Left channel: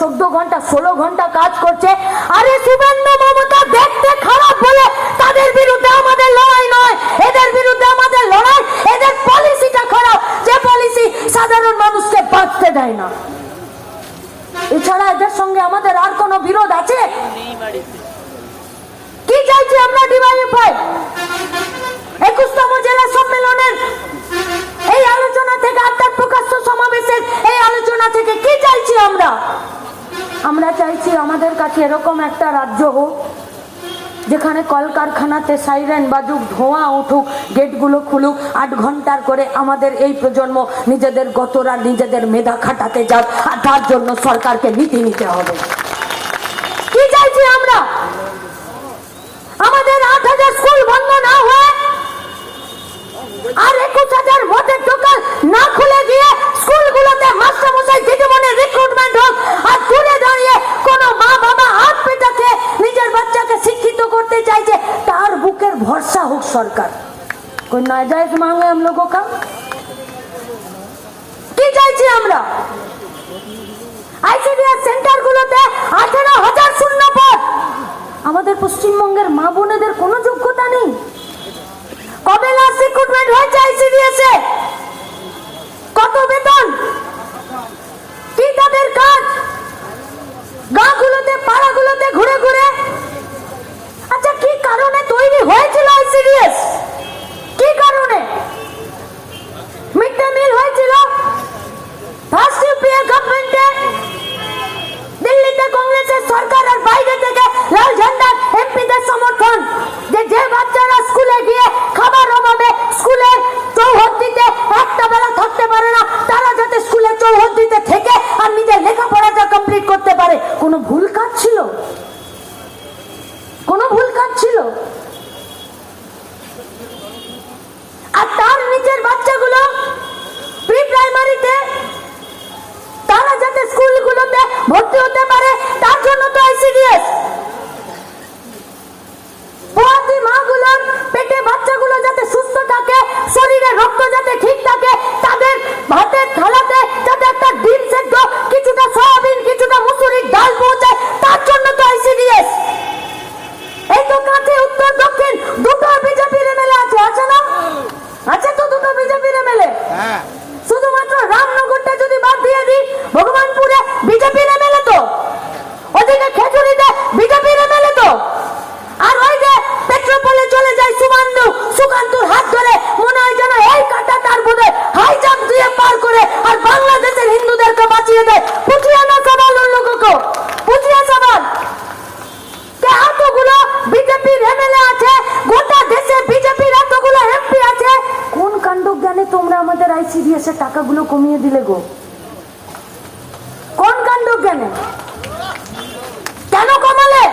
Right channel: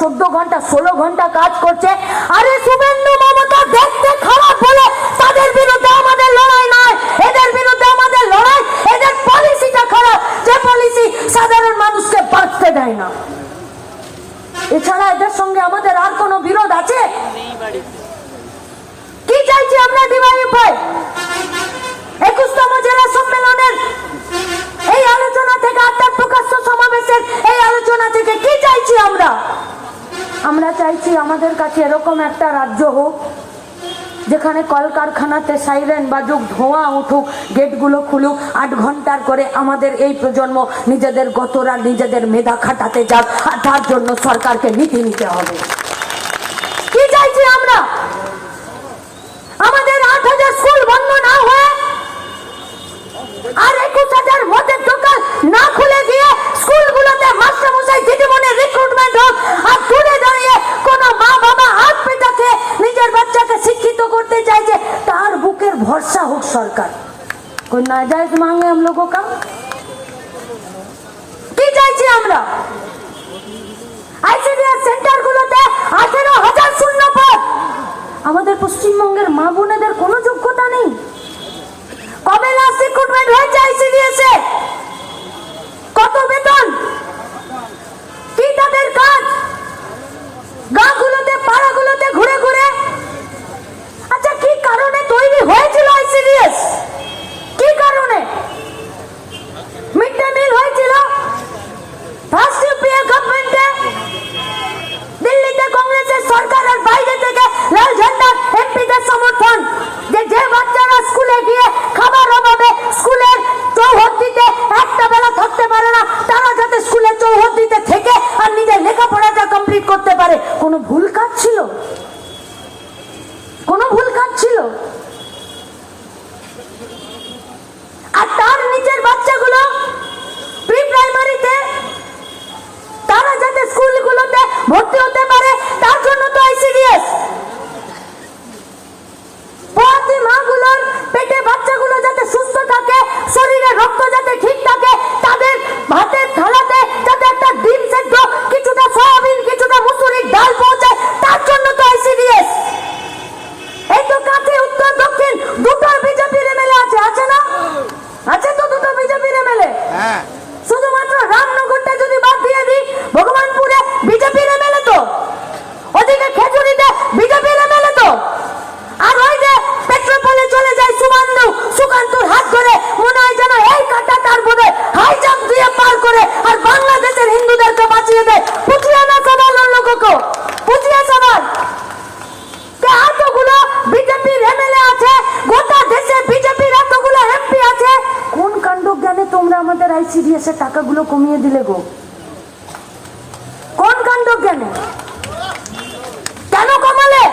14 ঘন্টা 16 ঘন্টা কাজ করছে। আরে শুভেন্দু মমতা দেখতে খারাপ বলে তাদের বিরুদ্ধে আমাদের লড়াই নয়, এদের বিরুদ্ধে আমাদের লড়াই এদের পলিসিটা খারাপ, যে পলিসি সাধারণ মানুষকে বাঁচতে দেয় না। এছাড়া এদের সঙ্গে আমাদের আর কোনো বিরোধ আছে? কি চাইছি আমরা ডিওয়াইএফআই? 21তম জেলা সম্মেলনের এই আলোচনা থেকে, আত্মার প্রকাশ্য সমাবেশের এই আলোচনা থেকে কি চাইছি আমরা? আমরা চাইছি আমাদের কাছে এরকম একটা রাজ্য হোক যেখানে কলকারখানাতে সাইরেন বাজুক, ধোঁয়া উঠুক, গেটগুলো খুলুক, 8 ঘন্টার করে আমাদের এই প্রজন্ম নিজেদের গতরা নিজেদের মেধা খাটাতে যাক, আর তার জন্য সরকারকে নীতি নিতে হবে। কি চাইছি আমরা? আমাদের 8,000 স্কুল বন্ধ না হয়ে আর 21,000 মদের দোকান না খুলে গিয়ে স্কুলগুলোতে মাস্টারমশাই দিদিমণি রিক্রুটমেন্ট হোক, আর দূরে দাঁড়িয়ে কোন মা বাবা হাত পেটাকে নিজের বাচ্চাকে শিক্ষিত করতে চাইছে তার বুকের ভরসা হোক সরকার। কোন নাজায়েজ মাंगे हम लोगों का? কি চাইছি আমরা? আইসিডিএস সেন্টারগুলোতে 18,000 শূন্য পদ। আমাদের পশ্চিমবঙ্গের মা বোনেদের কোনো যোগ্যতা নেই। কবে লাস্ট রিক্রুটমেন্ট হয়েছে আইসিডিএস এ? কত বেতন? কি তাদের কাজ? গাঁগুলোতে পাড়াগুলোতে ঘুরে ঘুরে। আচ্ছা, কি কারণে তৈরি হয়েছিল আইসিডিএস? কি কারণে মিড ডে মিল হয়েছিল? ফার্স্ট ইউপিএ গভর্নমেন্টে দিল্লিতে কংগ্রেসের সরকার আর বাইরে থেকে লাল ঝান্ডার এমপিদের সমর্থন, যে বাচ্চারা স্কুলে গিয়ে খাবার অভাবে স্কুলের চৌহদ্দিতে একটা বেলা থাকতে পারে না, তারা যাতে স্কুলের চৌহদ্দিতে থেকে আর নিজের লেখাপড়াটা কমপ্লিট করতে পারে। কোনো ভুল কাজ ছিল? কোনো ভুল কাজ ছিল? আর তার নিচের বাচ্চাগুলো প্রি প্রাইমারিতে তারা যাতে স্কুলগুলোতে ভর্তি হতে পারে তার জন্য তো আইসিডিএস। পোয়াতি মাগুলোর পেটে বাচ্চাগুলো যাতে সুস্থ থাকে, শরীরে রক্ত যাতে ঠিক থাকে, তাদের ভাতের থালাতে যাতে একটা ডিম সেদ্ধ, কিছুটা সয়াবিন, কিছুটা মুসুরির ডাল পৌঁছায়, তার জন্য তো আইসিডিএস। এই তো কাছে উত্তর দক্ষিণ দুটো বিজেপির এমএলএ আছে, আছে না? আছে তো দুটো বিজেপির এমএলএ। শুধুমাত্র রামনগরটা যদি বাদ দিয়ে দিই, ভগবানপুরে বিজেপির এমএলএ তো, ওদিকে খেজুরিতে বিজেপির এমএলএ তো, আর ওই যে পেট্রোপোলে চলে যায় সুকান্তর হাত ধরে মনে হয় যেন এই কাটা তার বোধহয় হাই জাম্প দিয়ে পার করে আর বাংলাদেশের হিন্দুদেরকে বাঁচিয়ে দেয়। পুছিয়ে না সবাল উন লোগোं को, পুছিয়ে সবাল কে এতগুলো বিজেপির এমএলএ আছে, গোটা দেশে বিজেপির এতগুলো এমপি আছে, কোন কাণ্ডজ্ঞানে তোমরা আমাদের আইসিডিএস এর টাকাগুলো কমিয়ে দিলে গো? কোন কাণ্ডজ্ঞানে? কেন কমালে?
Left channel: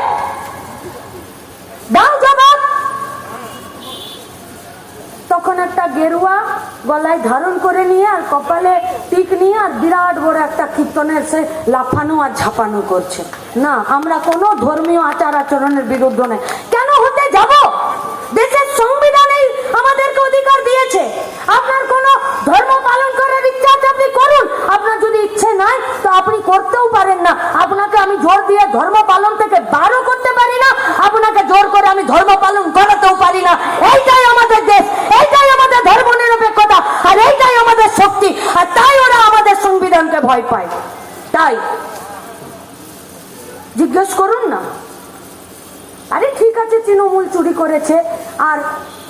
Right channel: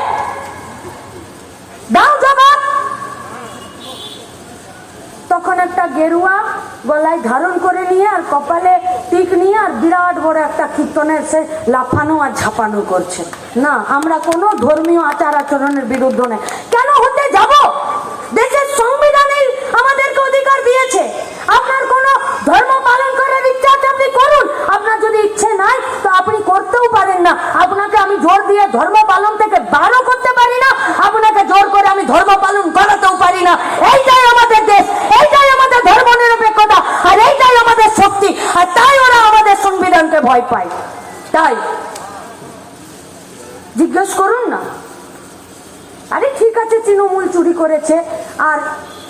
দাও জবাব। তখন একটা গেরুয়া গলায় ধারণ করে নিয়ে আর কপালে টিক নিয়ে আর বিরাট বড় একটা কীর্তনের সে লাফানো আর ঝাপানো করছে। না, আমরা কোনো ধর্মীয় আচার আচরণের বিরুদ্ধে নেই। কেন হতে যাব? দেশের সংবিধানেই আমাদেরকে অধিকার দিয়েছে। আপনার কোনো ধর্ম পালন করার ইচ্ছা আছে আপনি করুন, আপনার যদি ইচ্ছে নাই তো আপনি করতেও পারেন না। আপনাকে আমি জোর দিয়ে ধর্ম পালন থেকে বারও করতে পারি না, আপনাকে জোর করে আমি ধর্ম পালন করাতেও পারি না। এইটাই আমাদের দেশ, এইটাই আমাদের ধর্ম নিরপেক্ষতা, আর এইটাই আমাদের শক্তি। আর তাই ওরা আমাদের সংবিধানকে ভয় পায়। তাই জিজ্ঞেস করুন না। আরে ঠিক আছে, তৃণমূল চুরি করেছে আর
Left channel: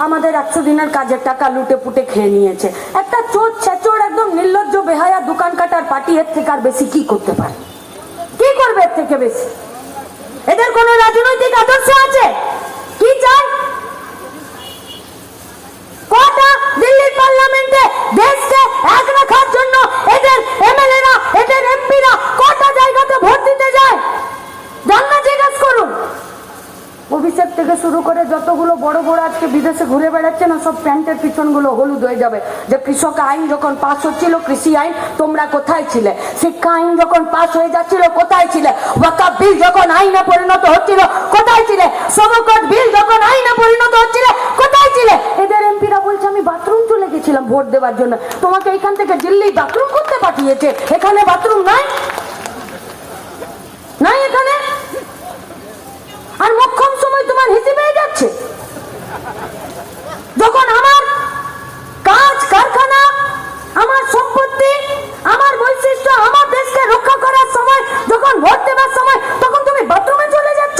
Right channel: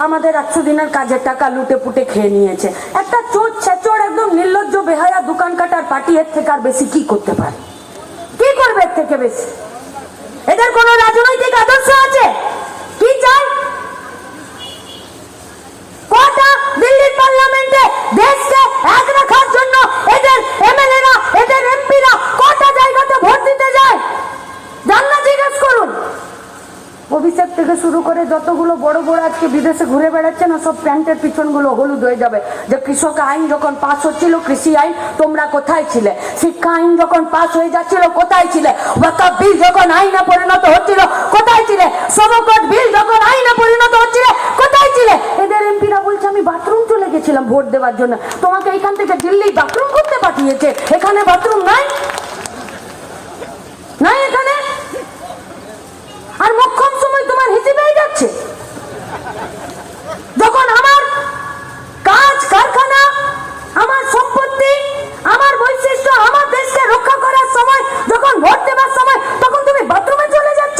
আমাদের 100 দিনের কাজের টাকা লুটে পুটে খেয়ে নিয়েছে। একটা চোর ছেচোর একদম নির্লজ্জ বেহায়া দোকান কাটার পার্টি এর থেকে আর বেশি কি করতে পারে? কি করবে এর থেকে বেশি? এদের কোন রাজনৈতিক আদর্শ আছে? কি চায়? কটা দিল্লির পার্লামেন্টে দেশকে এক রাখার জন্য এদের এমএলএরা, এদের এমপিরা কটা জায়গাতে ভোট দিতে যায়? জানা জিজ্ঞেস করুন। অভিষেক থেকে শুরু করে যতগুলো বড় বড় আজকে বিদেশে ঘুরে বেড়াচ্ছে না, সব প্যান্টের পিছনগুলো হলুদ হয়ে যাবে। যে কৃষক আইন যখন পাস হচ্ছিল, কৃষি আইন, তোমরা কোথায় ছিলে? শিক্ষা আইন যখন পাস হয়ে যাচ্ছিল, কোথায় ছিলে? ওয়াকফ বিল যখন আইনে পরিণত হচ্ছিল, কোথায় ছিলে? সমকট বিল যখন আইনে পরিণত হচ্ছিল, কোথায় ছিলে? এদের এমপিরা বলছে আমি বাথরুম চলে গেছিলাম ভোট দেওয়ার জন্য। তোমাকে এখান থেকে দিল্লি বাথরুম করতে পাঠিয়েছে, এখানে বাথরুম নাই। নাই এখানে। আর মোক্ষম সময় তোমার হিসেবে হয়ে যাচ্ছে। যখন আমার কাজ কারখানা, আমার সম্পত্তি, আমার বৈশিষ্ট্য, আমার দেশকে রক্ষা করার সময়, যখন ভোট দেবার সময়, তখন তুমি বাথরুমে চলে যাচ্ছ।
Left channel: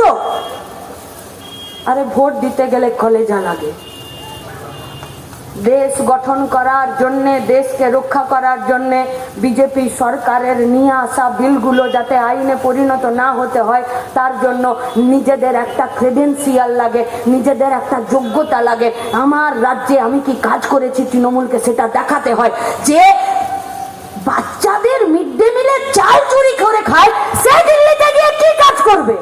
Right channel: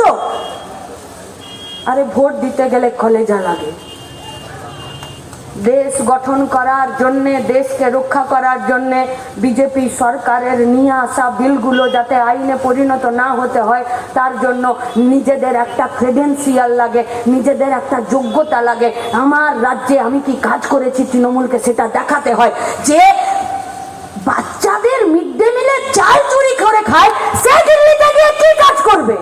আরে ভোট দিতে গেলে কলেজা লাগে। দেশ গঠন করার জন্য, দেশকে রক্ষা করার জন্য বিজেপি সরকারের নিয়ে আসা বিলগুলো যাতে আইনে পরিণত না হতে হয়, তার জন্য নিজেদের একটা ক্রেডেন্সিয়াল লাগে, নিজেদের একটা যোগ্যতা লাগে। আমার রাজ্যে আমি কি কাজ করেছি তৃণমূলকে সেটা দেখাতে হয়। যে বাচ্চাদের মিড ডে মিলে চাল চুরি করে খায়, সে দিল্লিতে গিয়ে কি কাজ করবে?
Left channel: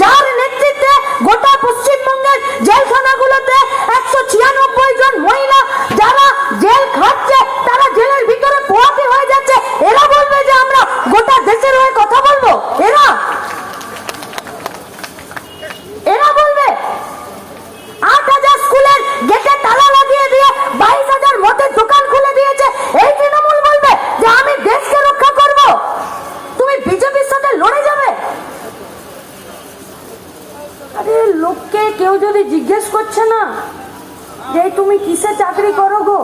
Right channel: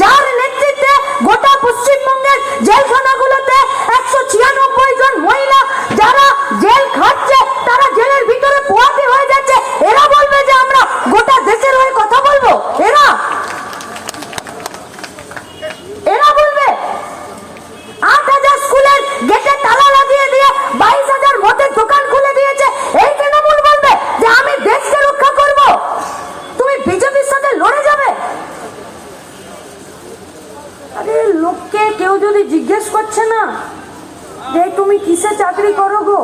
যার নেতৃত্বে গোটা পশ্চিমবঙ্গের জেলখানাগুলোতে 196 জন মহিলা যারা জেল খাচ্ছে, তারা জেলের ভিতরে পোয়াতে হয়ে যাচ্ছে, এরা বলবে যে আমরা গোটা দেশের হয়ে কথা বলবো? এরা বলবে? 8,000 স্কুলের গেটে তালা লাগিয়ে দিয়ে 22,000 মদের দোকান খুলে দিয়েছে, এই তৃণমূল বলবে যে আমি দেশকে রক্ষা করব? তুমি বিজেপির সাথে লড়ে যাবে? আরে লোককে কেউ যদি জিজ্ঞেস করছে না যে তুমি কিসে চাকরি করো গো,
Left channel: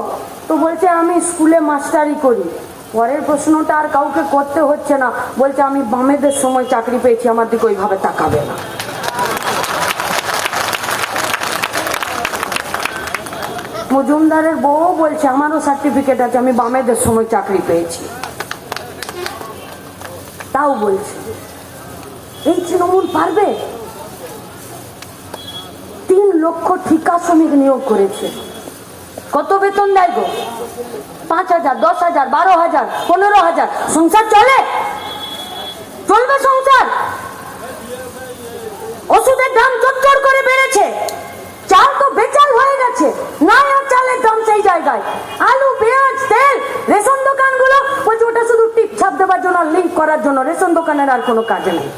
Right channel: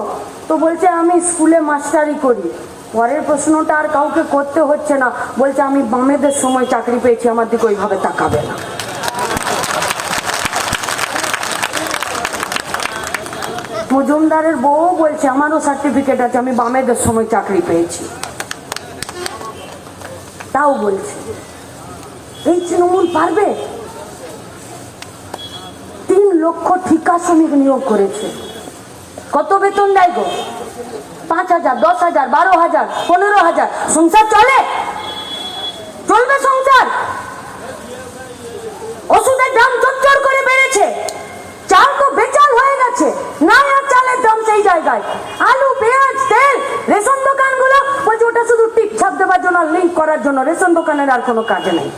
তো বলছে আমি স্কুলে মাস্টারি করি। পরের প্রশ্নটা আর কাউকে করতে হচ্ছে না, বলছে আমি বামেদের সময় চাকরি পেয়েছি, আমার দিকে ওইভাবে তাকাবে না। মজুমদারের বউ বলছে আমারও সার্টিফিকেট আছে, আমি বামেদের সময় চাকরি পেয়েছি। তাও বলছি এই তৃণমূল পারবে? 3 লক্ষ ঠিকা শ্রমিক নিয়োগ করেছে। কত বেতন দেয় গো? 5,000, 10,000, 12,000, 15,000। সংসার চলে? চলবে সংসার? ওষুধের দাম চচ্চর করে বেড়েছে, চাল তো বেচাল হয়ে গেছে, নাই আর চালের দাম সেই জায়গায়। আলু, পেঁয়াজ, তেল, রেশন দোকানগুলো বলছে ওটা শুধু টিপ ছাপ দেওয়ার জন্য, লিঙ্ক করার জন্য, রেশন দোকানের আর কোনো কাজে নাই।